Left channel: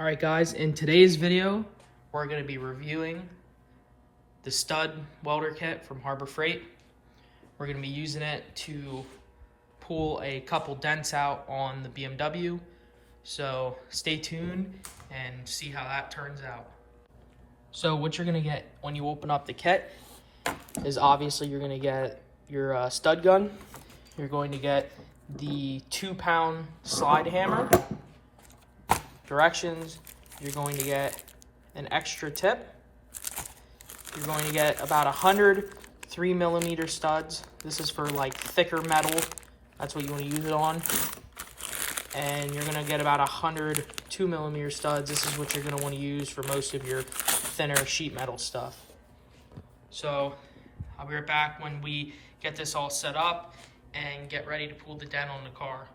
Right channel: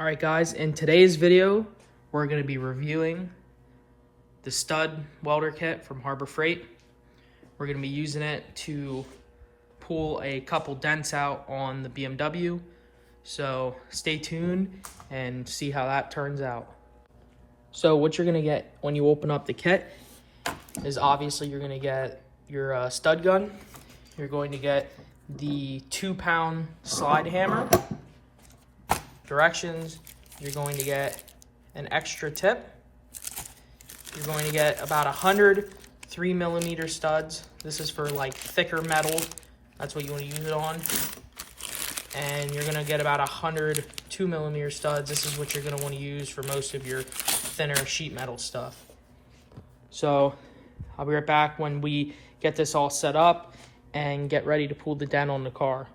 Alright guys, in today's video, we're going to be reviewing the stud welder kit from Harbor Freight. We're going to be using it to pull a couple dents out on the BMW. So stay tuned and see how that turns out. So what you're going to get when you open up the kit is obviously you're going to get your stud gun. You're going to get the 2-pound slide hammer. Directions, you're going to get an extra tip. You're going to get about 100 3mm studs. This is for like thicker metal. That's what you want to use it on. And you're going to get about 100 2mm studs. This is what you're going to want to use for most of your thinner sheet metal stuff. So I'll be right back when we get this all set up and get ready to pull the dent on the car.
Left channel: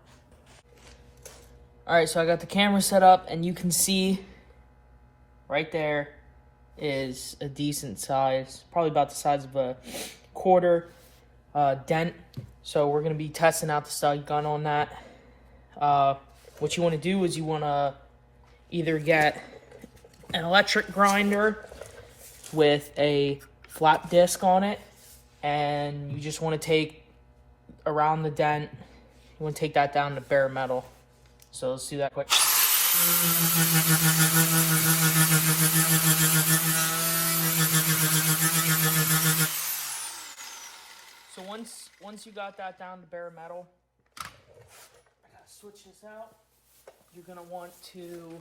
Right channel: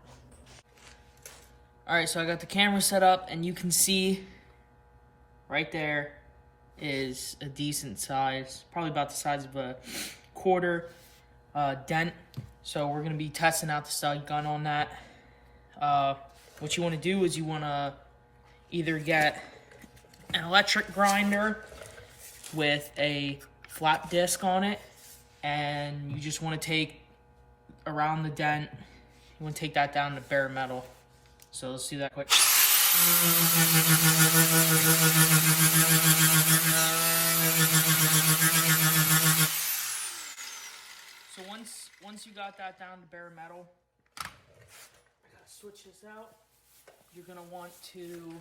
Alright, so I got the camera set up, and you can see right there is a decent size, probably about the size of a quarter dent. So we're going to be testing out the stud gun on that. What you want to do is you want to either get an electric grinder with a flat disc on it, and you just want to take around the dent, you want to take that down to bare metal. So let's do that quick. So once you got that down to bare metal, I gotta switch this out. You're gonna want to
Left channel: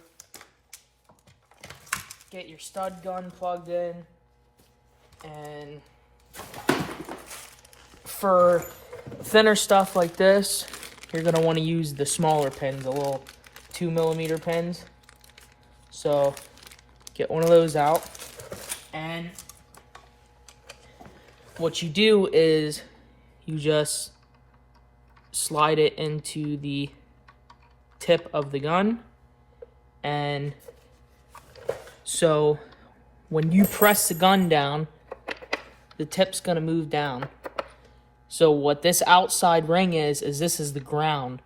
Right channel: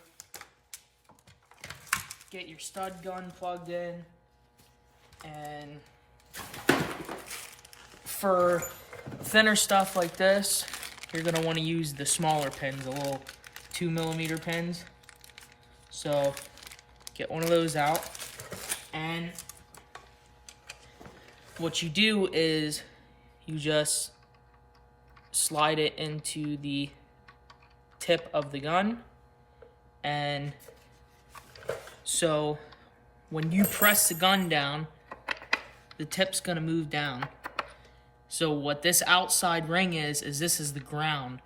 get your stud gun plugged in, and for thinner stuff like this, you're going to want to use the smaller pins, the little 2mm pins. So get one of those out, and what you do is you just slide it into the tip of the gun, and so when you press the gun down, the tip's going to move down. So what this outside ring is this is the ground.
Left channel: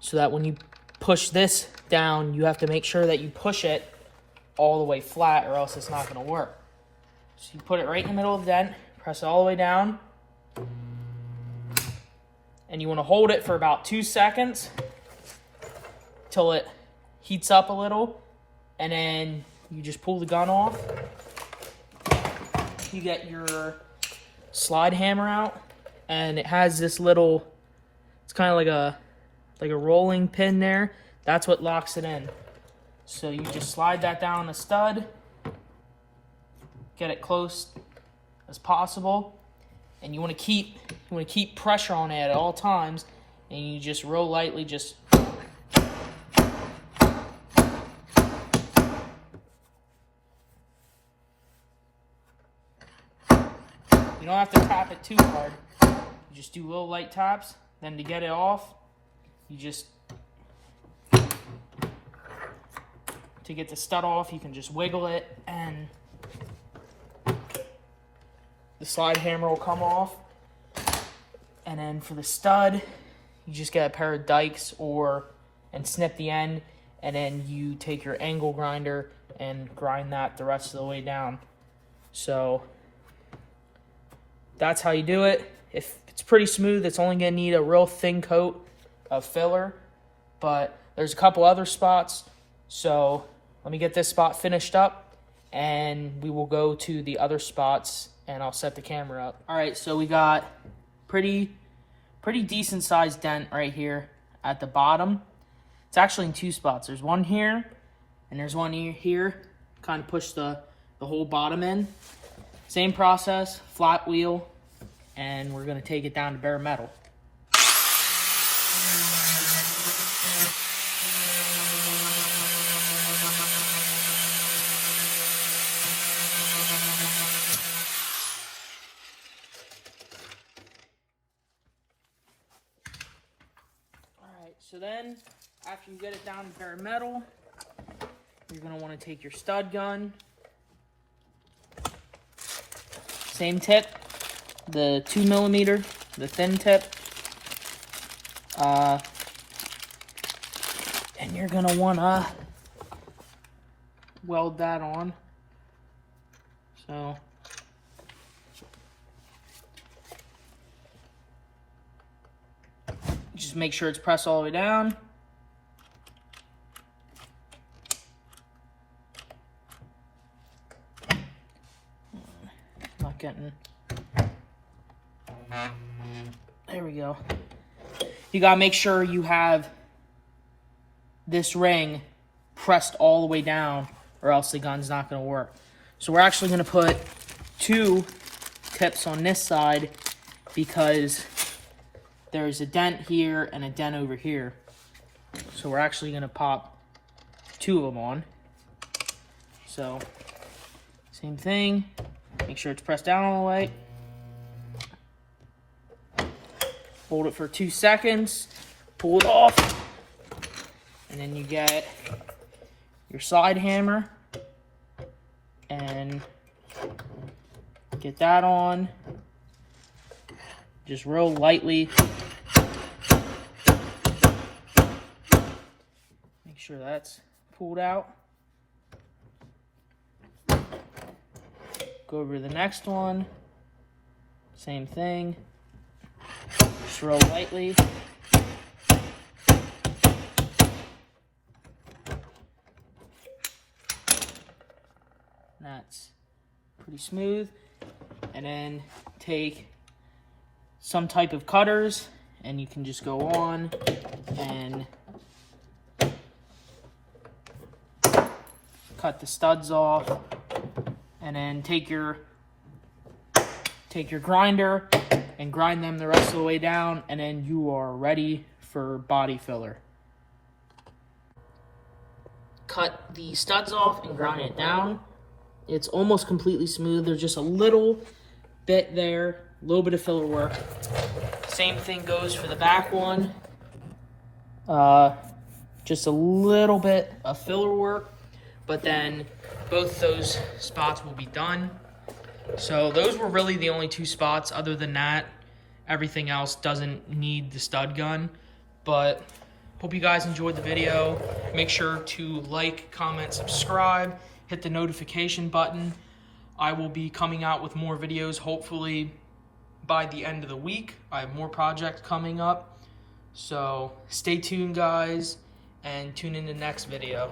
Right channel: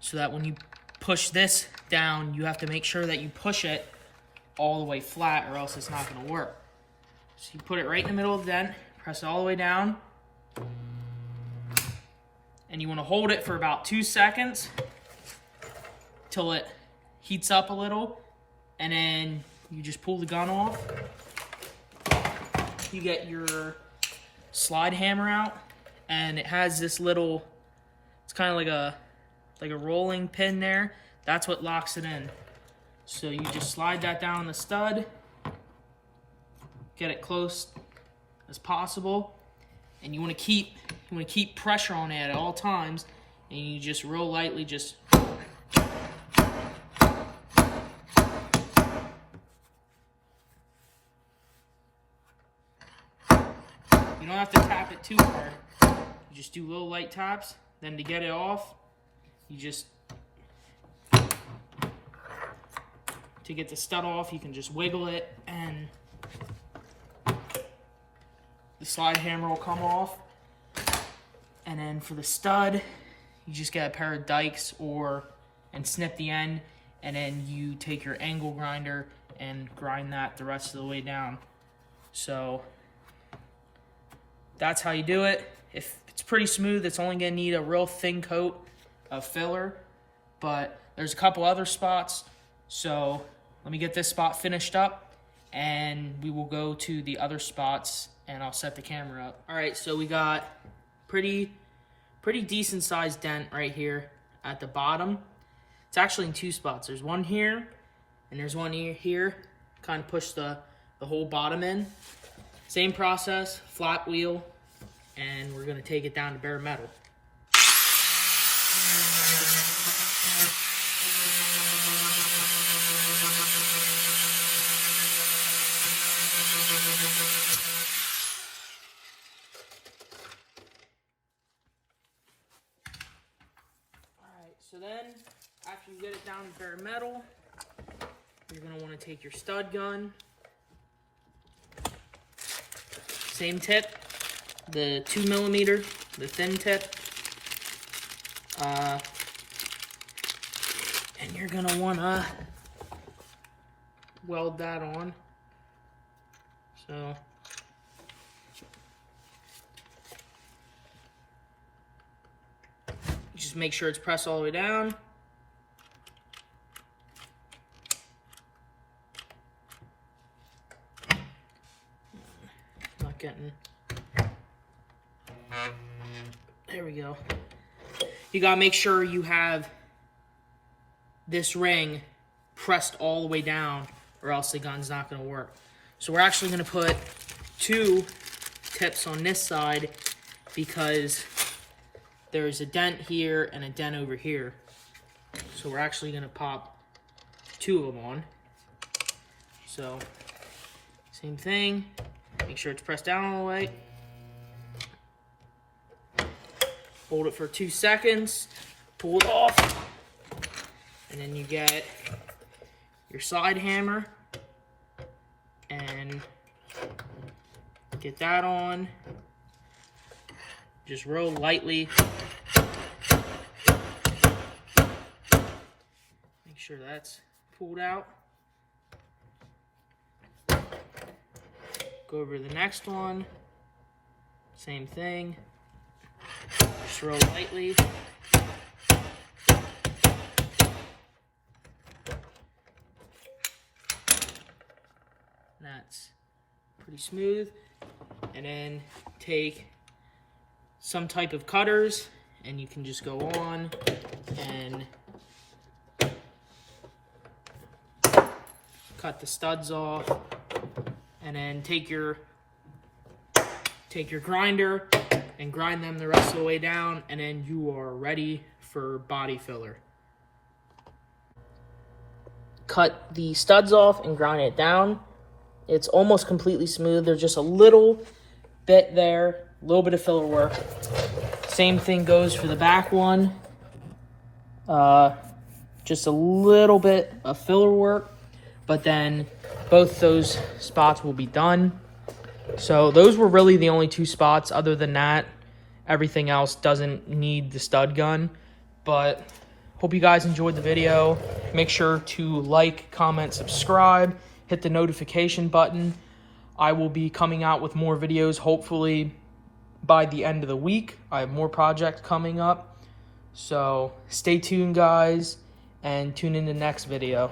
So that when you push this down, you have to make sure that you push it all the way flat, or else it's not going to work. So you put it right in the middle of the dent, press it all the way down, and you want to hold it for about 2 seconds till it heats up a little, and then you just pull the gun off. You get your slide hammer out, and it has this little, it's kind of like a rolling pin there. That's what locks it in. So you just slide that down the stud, get it close as possible, and you want to keep pressure on it at all times, and you just real lightly just you don't have to tap it too hard. You just do little light taps. Then to get it off, you just, to get the stud off, you can just wiggle it, and the slide hammer will come off. And then for the stud, you just get a pair of dikes and snip the end, and then you take your angle grinder and grind that the rest of the way down. So that's how you do it. If it's pretty smooth, it's only gonna need a real thin coat of filler, but there's a couple other spots. So let me get this spot finished up, and we will go to the other spots, and I'll set the camera up. All right, so we got pretty decent sized dent right here at the bottom. It's actually in 2 spots. There's one here, and there's one here. Kind of push the whole bottom in. Same process, flat wheel, and we're going to take it down to bare metal. Alright, so then after you get it down to bare metal, you're going to want to take your stud gun. Same tip, the 2mm, the thin tip. And you're gonna wanna weld that on. So just make sure it's pressed all the way down. Not getting. There we go. You gotta make sure you have this ring pressed all the way down, or else the gun's not gonna work. So we're actually gonna put 2 tips on this side because there's a dent here and a dent over here. So we're actually gonna pop 2 of them on. So same thing, make sure it's pressed down all the way. Hold it for 2 seconds, pull it off, and then you get your slide hammer and get that on just real lightly. Make sure that's pulled out. Go over to the next one, same thing, just real lightly. That's pretty smooth. And then take some type of cutters and you can just go on and cut the studs off, and then take your grinder and grind them the rest of the way down, and then you are ready for body filler. Cut the studs off and grind it down. It's almost completely smooth. There's just a little bit there, a little bit of filler work. Same thing goes for the back one. Just a little bit of filler work, but then both those spots will be done. So those were really the only 2 spots. Other than that, everything else doesn't need the stud gun. But hope you guys enjoyed the video. Make sure to like, comment, subscribe. Hit the notification button. I will be coming out with more videos hopefully by the end of the week. I have more projects coming up. So stay tuned, guys, and tune in the next video.